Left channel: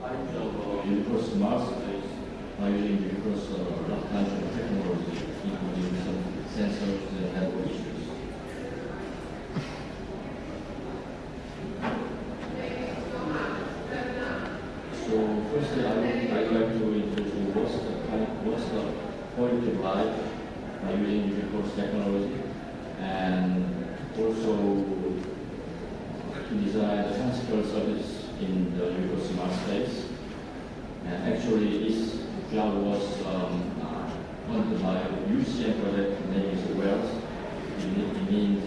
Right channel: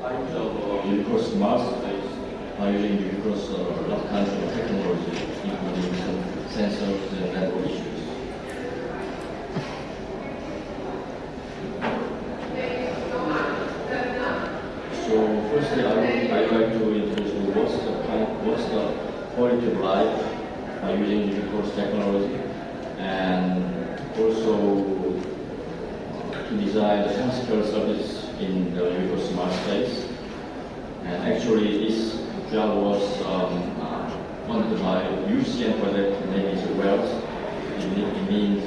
Kinds of universal smart space are using universal lot kinds of technology, including some sensors and network issues. So firstly, I'd like to introduce what's the quality of life by using universal technology, and also to design the healthcare service in the universal smart space. And actually, this job was funded by UCN project, name is Wealth. It means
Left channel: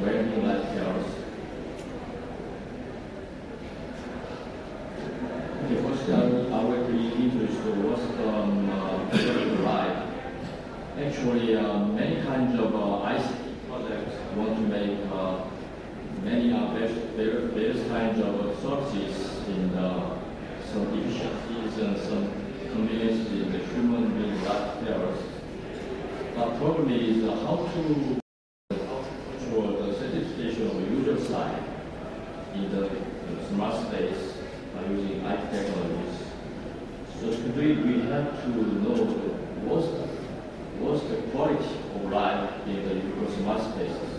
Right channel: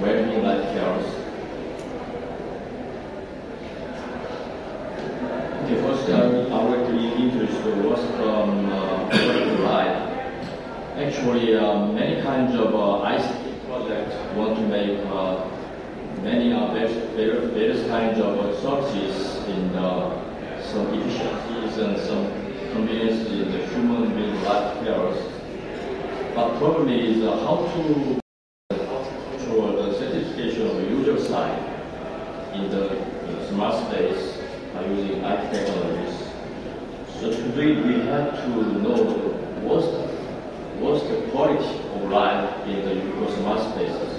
well-being life cares. Okay, first I would like to introduce what's quality of life. Actually, many kinds of ICT projects want to make many various kinds of services in some efficiencies and some convenience in the human being life cares. But problem is how to control the satisfaction of the user side in the smart space by using IT technologies. So to do it, we have to know what's the quality of life in the universal smart spaces.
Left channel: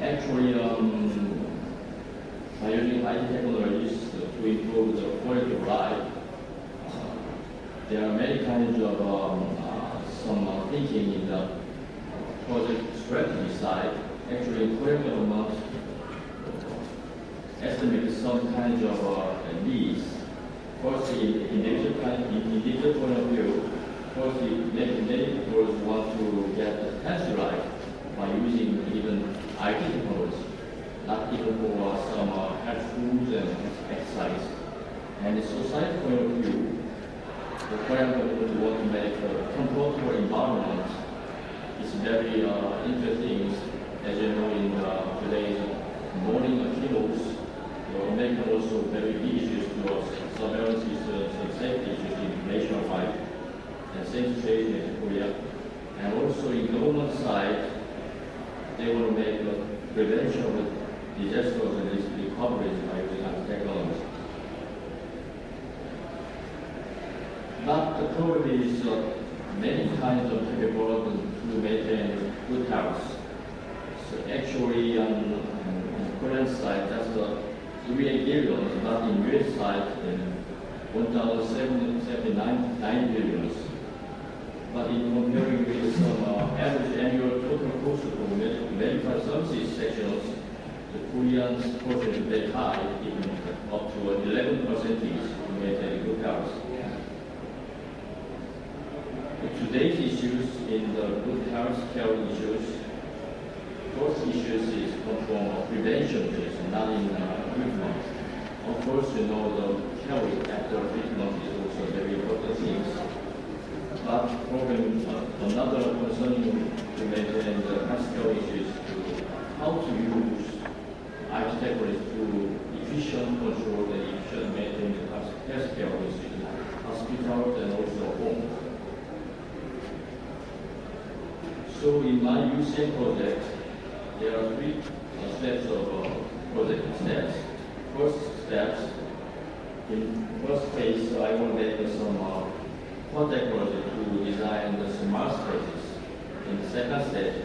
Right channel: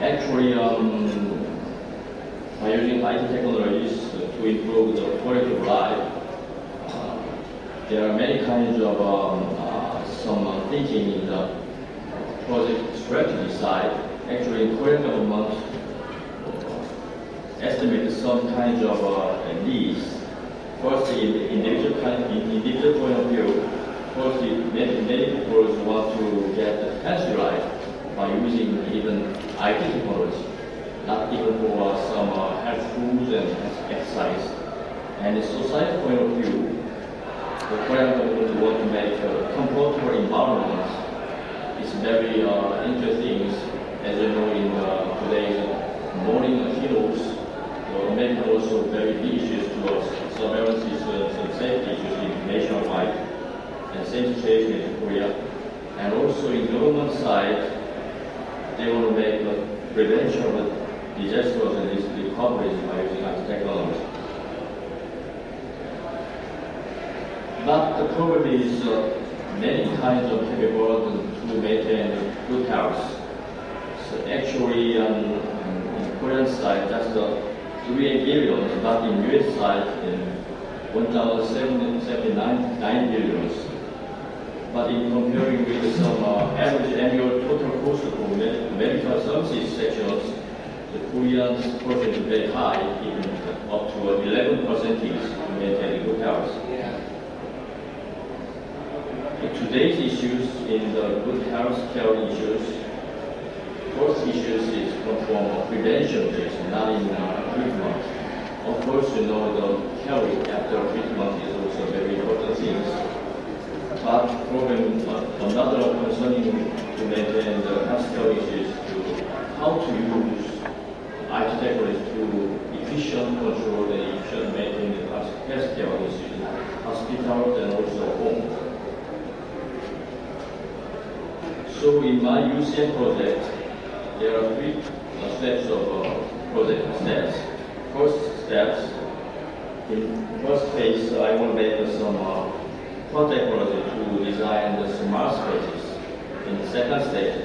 Actually, by using IT technologies to improve the quality of life, there are many kinds of some thinking in the project strategy side. Actually, Korean government estimated some kinds of needs. First, in individual point of view, first, many people want to get a healthy life by using even IT technology, not even for some health foods and exercise. And the society point of view, the Korean government want to make a comfortable environment. It's very interesting. As you know, in today's morning keynotes, America also very big issues towards surveillance issues and safety issues nationwide, and same situation in Korea. And also in government side, they want to make prevention of disasters and recoveries by using IT technology. But the problem is many kinds of capabilities to maintain good health. So actually, in Korean side, just 3 billion, but in US side, in 1,079 billions. But in comparing with some average annual total cost for medical services sections, the Koreans portion is very high, even up to 11% to maintain good health. Today's issues in the good health care issues, first issues is from prevention, not in treatment. Of course, you know, the care after treatment is also very important thing. But problem, another concerning to maintain the health care issues to how to use IT technology to efficient control and efficient maintain the health care issues in hospitals and also home. So in my UCN project, there are 3 steps of project steps. First steps, in first phase, I want to make some front technology to design the smart spaces. In the second stage,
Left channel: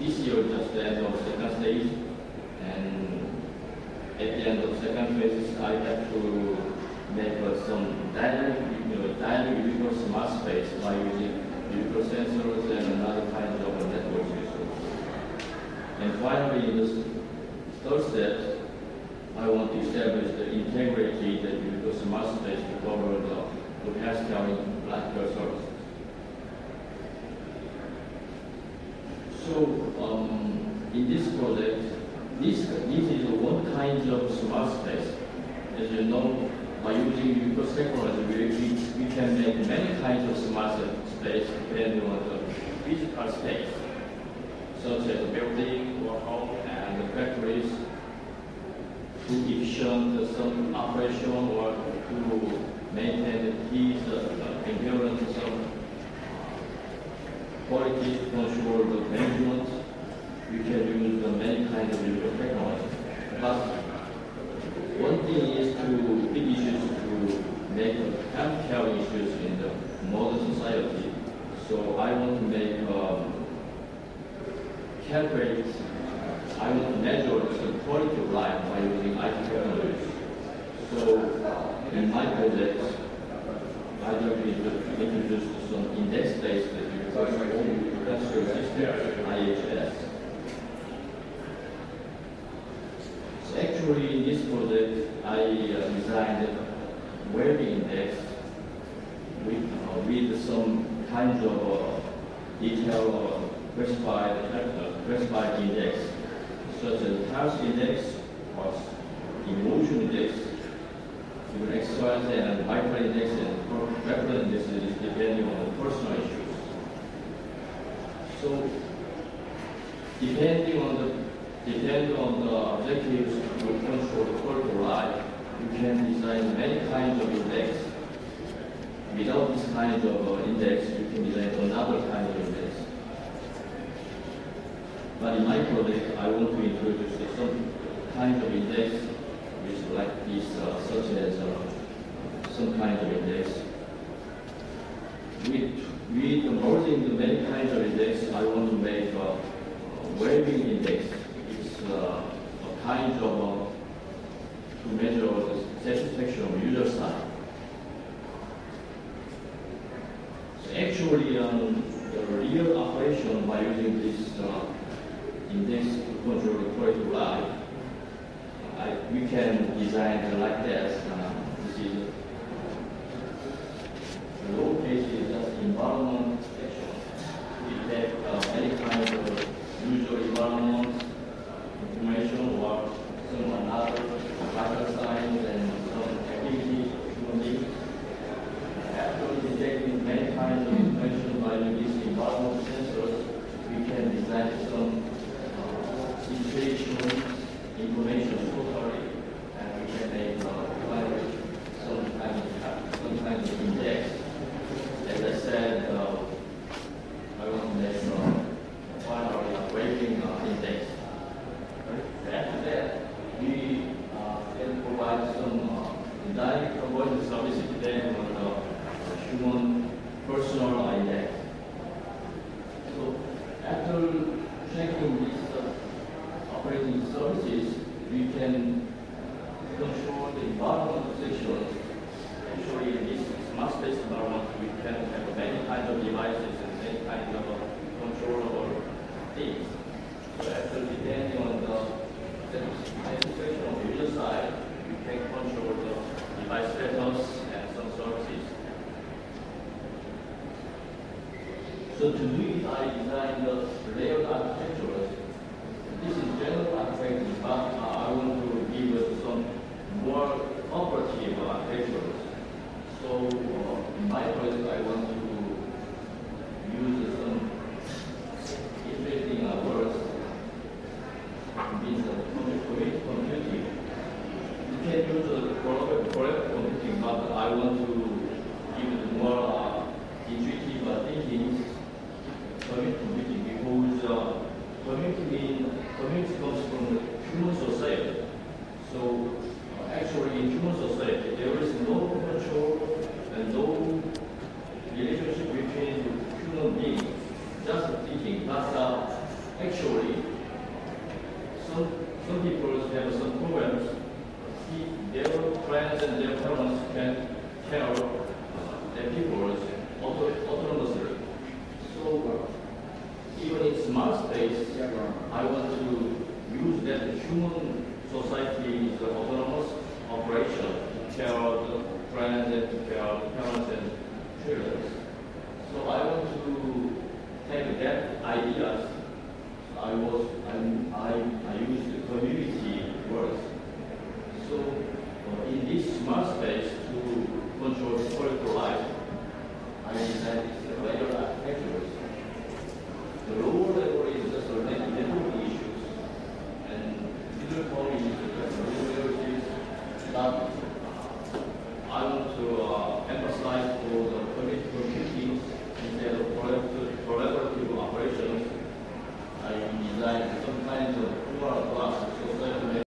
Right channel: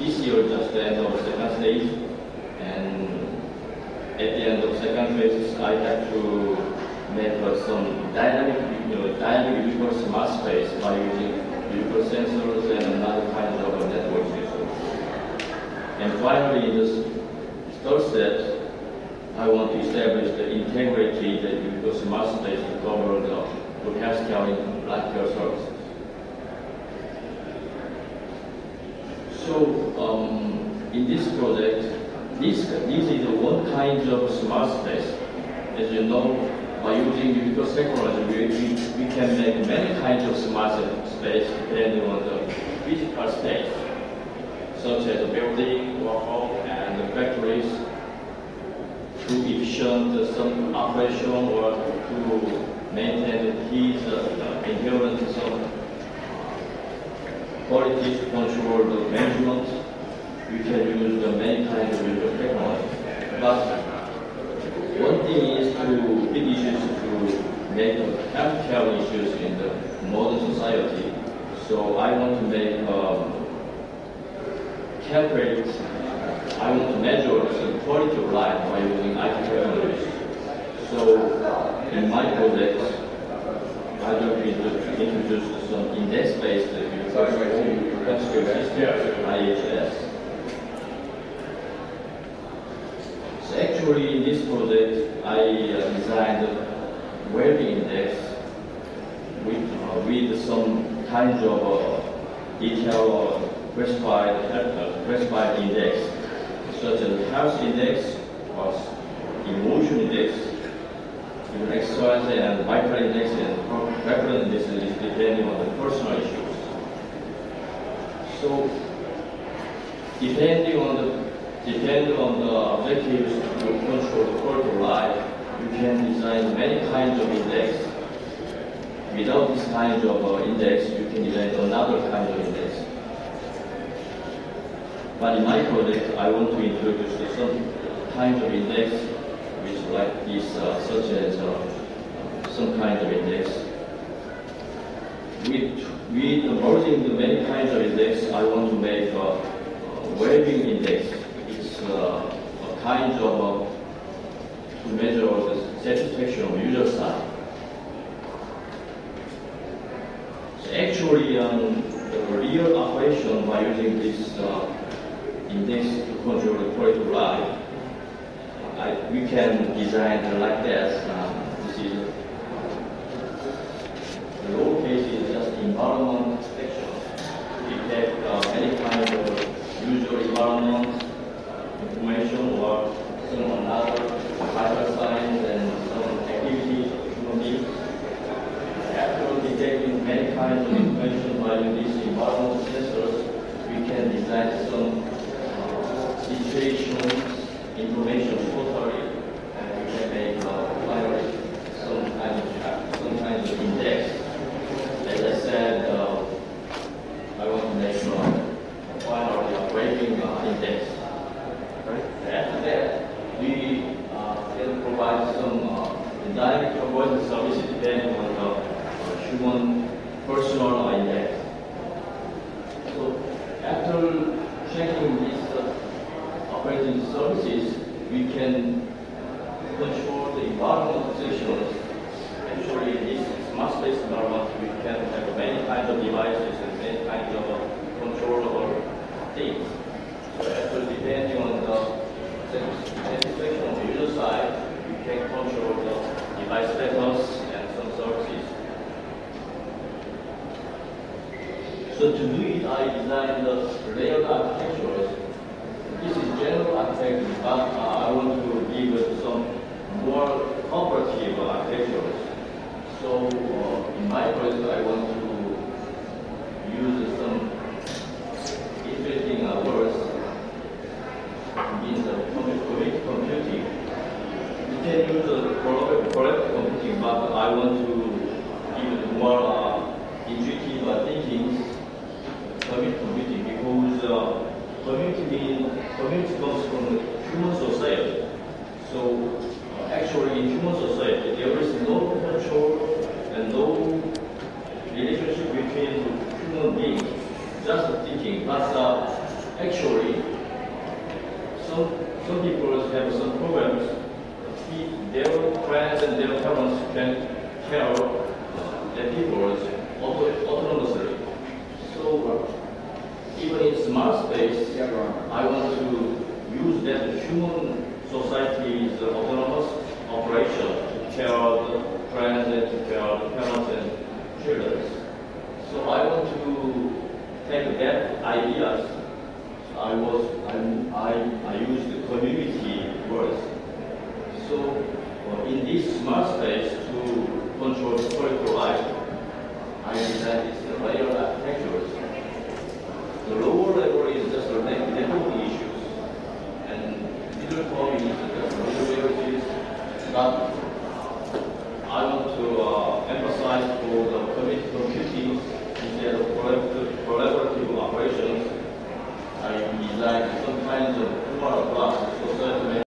this year just the end of second stage, and at the end of second phase, I have to make some dynamic universal smart space by using universal sensors and another kind of network systems. And finally, in this third step, I want to establish the integrated universal smart space to cover the healthcare in life care services. So, in this project, this is one kind of smart space. As you know, by using universal technology, we can make many kinds of smart space depending on the physical space, such as building, or home, and the factories, to efficient some operation or to maintain the keys, inherent some quality to control the management. We can use the many kinds of universal technology. But healthcare issues in the modern society. So I want to make calculate. I want to measure the quality of life by using IT technologies. So in my project, I will introduce some index-based healthcare system, IHS. So actually, in this project, I designed a well-being index with some kinds of detailed classified index, such as health index, or emotion index, even exercise and vital index and reference index depending on the personal issues. So depending on the objectives to control the quality of life, you can design many kinds of index. Without this kind of index, you can design another kind of index. But in my project, I want to introduce some kinds of index which like this, such as some kind of index. With merging the many kinds of index, I want to make a well-being index. It's a kind of to measure the satisfaction of user side. So actually, the real operation by using this index to control the quality of life, we can design it like this. This is the low case is just environment section. We have many kinds of user environment information or some another vital signs and some activities of human beings. After detecting many kinds of information by these environmental sensors, we can design some situations, information totally, and we can make finally some kind of index. As I said, I want to make finally a well-being index. Right? After that, we can provide some dynamic conversion services depending on the human personal index. So after checking these operating services, we can control the environmental sections. Actually, in this smart space environment, we can have many kinds of devices and many kinds of controllable things. So actually, depending on the satisfaction on the user side, we can control the device status and some services. So to do it, I designed the layered architectures. This is general architecture, but I want to give it some more cooperative architectures. So in my project, I want to use some interesting words. Means collective computing. You can use collective computing, but I want to give it more intuitive thinking. Computing, because community comes from human society. So actually in human society there is no control and no relationship between human beings, just thinking. But actually some people have some problems. Their friends and their parents can care their people autonomously. So even in smart space, I want to use that human society's autonomous operation to care the friends and to care the parents and children. So I want to take that ideas. I use the community words. So in this smart space to control the quality of life, I designed this layer architectures. The lower level is just networking issues, and middle form is just middleware. But I want to emphasize for the community computing instead of collaborative operations. I designed some kinds of formal classes so certain